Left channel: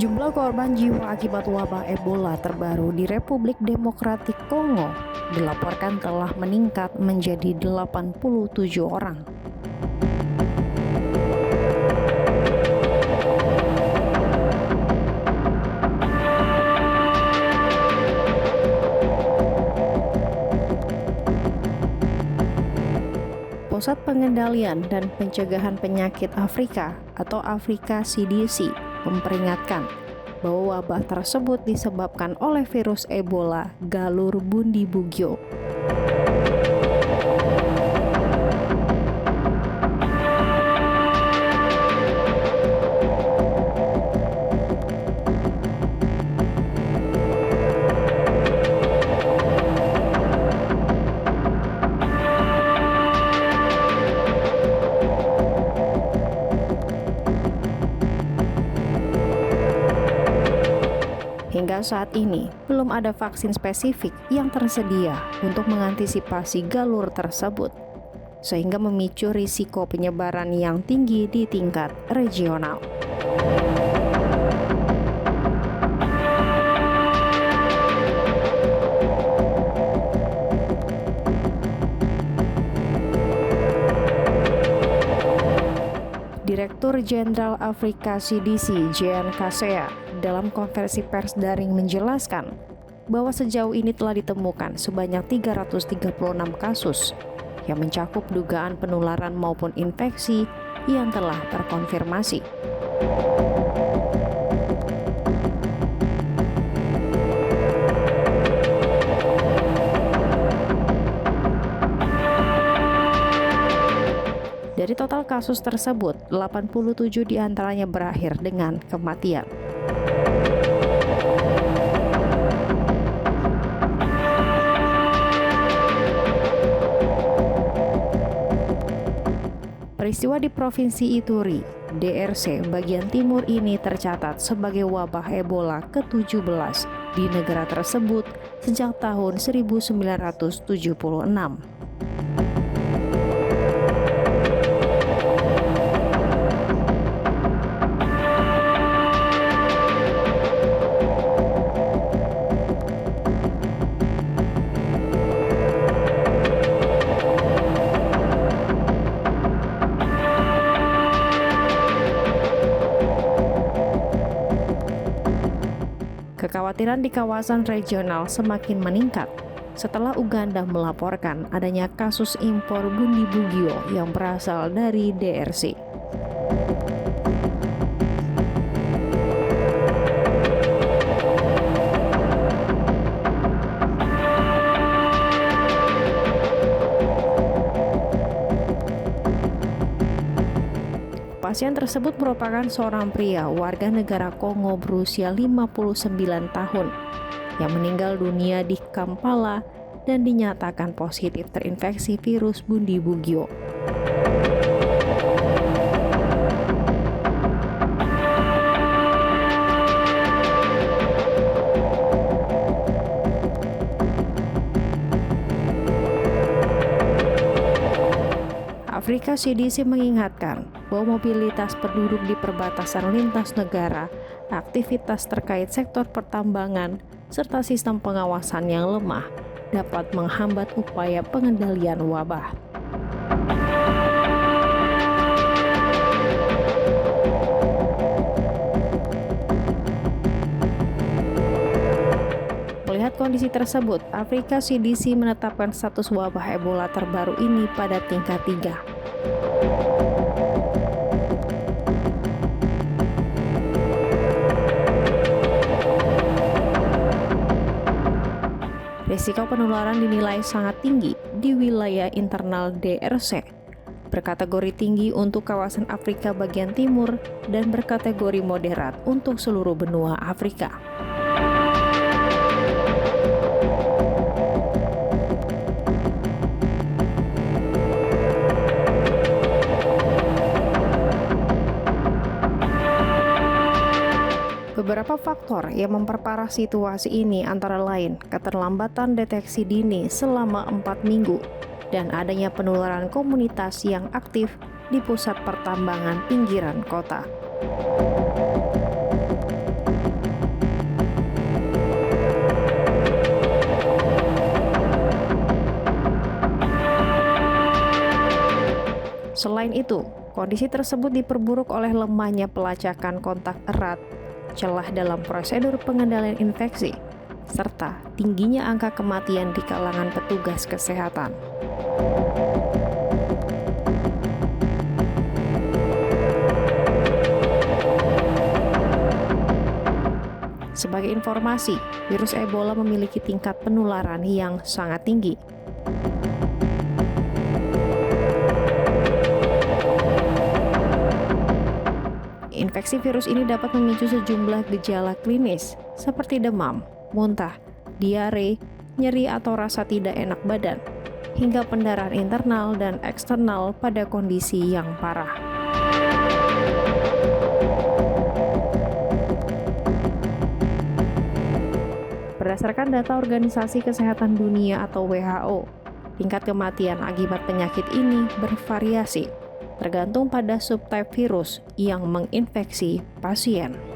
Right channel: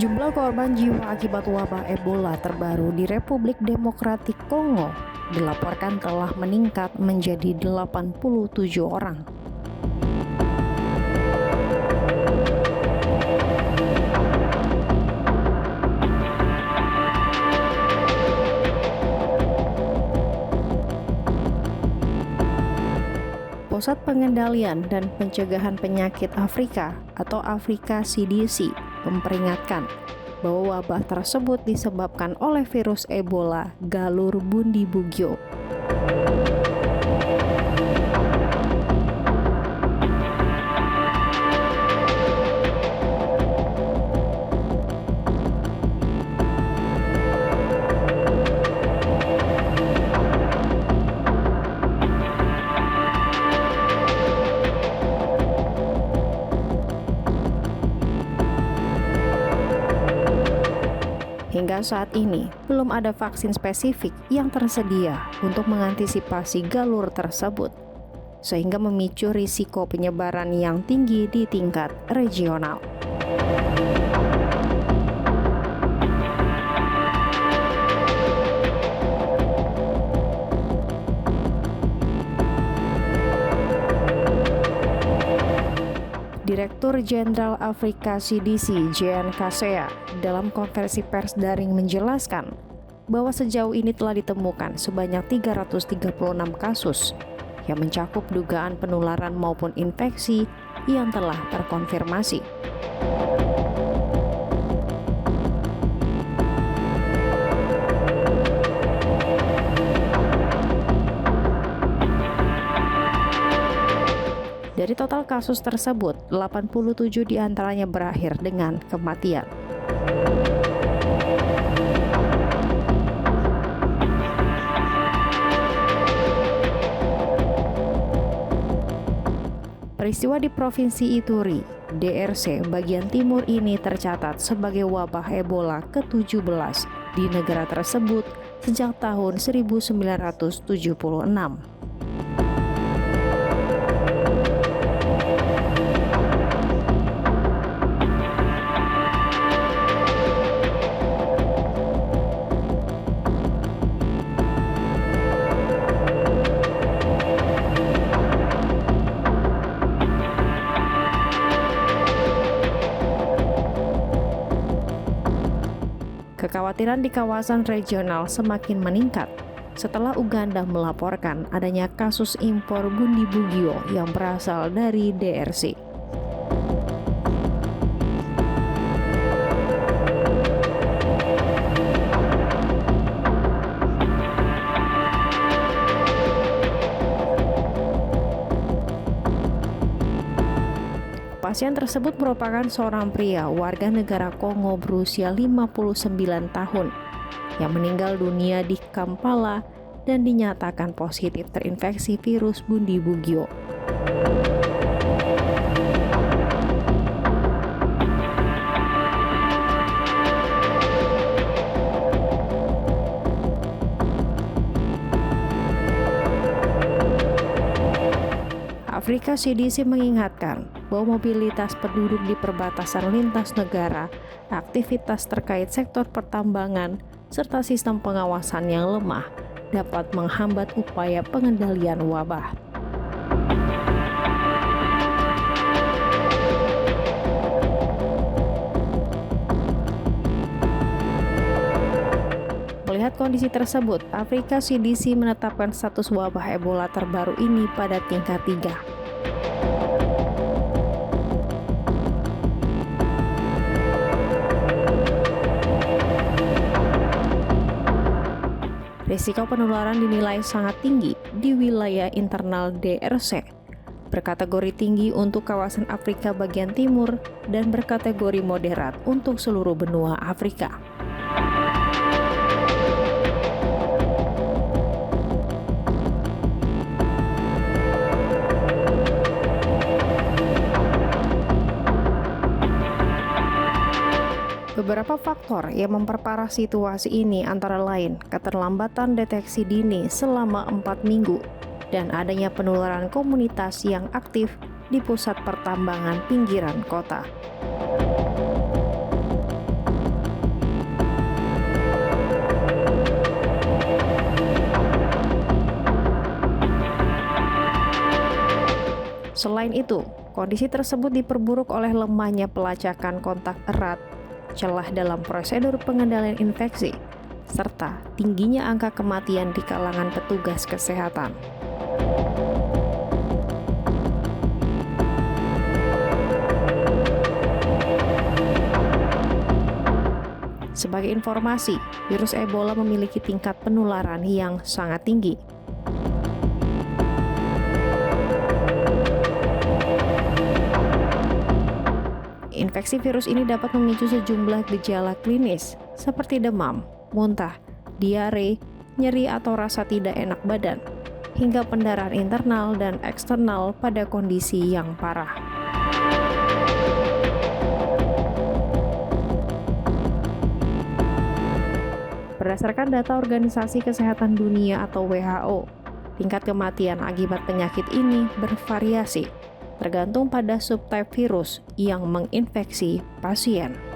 Jumlah korban jiwa akibat wabah Ebola terbaru di Republik Demokratik Kongo dilaporkan telah meningkat menjadi 87 orang. Pusat Pengendalian dan Pencegahan Penyakit Afrika atau Afrika CDC memperingatkan bahwa wabah tersebut disebabkan oleh virus Ebola galur Bundibugyo. Hingga saat ini, belum ada vaksin spesifik yang tersedia untuk mengantisipasi galur tersebut, sehingga memicu risiko penyebaran yang tinggi di tingkat regional. Direktur Jenderal Afrika CDC, Jean Kaseya, dalam konferensi pers daring menjelaskan bahwa sejauh ini telah ditemukan sebanyak 336 kasus yang mencakup dugaan penularan maupun infeksi yang telah terkonfirmasi. Dari total kasus tersebut, 87 diantaranya berakhir dengan kematian. Peristiwa di Provinsi Ituri, DRC, bagian timur ini tercatat sebagai wabah Ebola ke-17 di negara tersebut sejak tahun 1976. Kekhawatiran di kawasan regional semakin meningkat setelah Uganda melaporkan adanya kasus impor Bundibugyo yang berasal dari DRC. Pasien tersebut merupakan seorang pria warga negara Kongo berusia 59 tahun yang meninggal dunia di Kampala dan dinyatakan positif terinfeksi virus Bundibugyo. Afrika CDC mengingatkan bahwa mobilitas penduduk di perbatasan lintas negara, aktivitas terkait sektor pertambangan, serta sistem pengawasan yang lemah dapat menghambat upaya pengendalian wabah. Melihat kondisi tersebut, Afrika CDC menetapkan status wabah Ebola terbaru ini pada tingkat 3. Risiko penularan dinilai sangat tinggi di wilayah internal DRC, berkategori tinggi untuk kawasan Afrika bagian timur dan berkategori moderat untuk seluruh benua Afrika. Beberapa faktor yang memperparah situasi ini antara lain keterlambatan deteksi dini selama 4 minggu dan adanya penularan komunitas yang aktif di pusat pertambangan pinggiran kota. Selain itu, kondisi tersebut diperburuk oleh lemahnya pelacakan kontak erat, celah dalam prosedur pengendalian infeksi, serta tingginya angka kematian di kalangan petugas kesehatan. Sebagai informasi, virus Ebola memiliki tingkat penularan yang sangat tinggi. Infeksi virus ini dapat memicu sejumlah gejala klinis seperti demam, muntah, diare, nyeri atau rasa tidak enak badan, hingga pendarahan internal dan eksternal pada kondisi yang parah. Berdasarkan data Organisasi Kesehatan Dunia atau WHO, tingkat kematian akibat penyakit ini bervariasi, tergantung pada subtype virus yang menginfeksi pasien.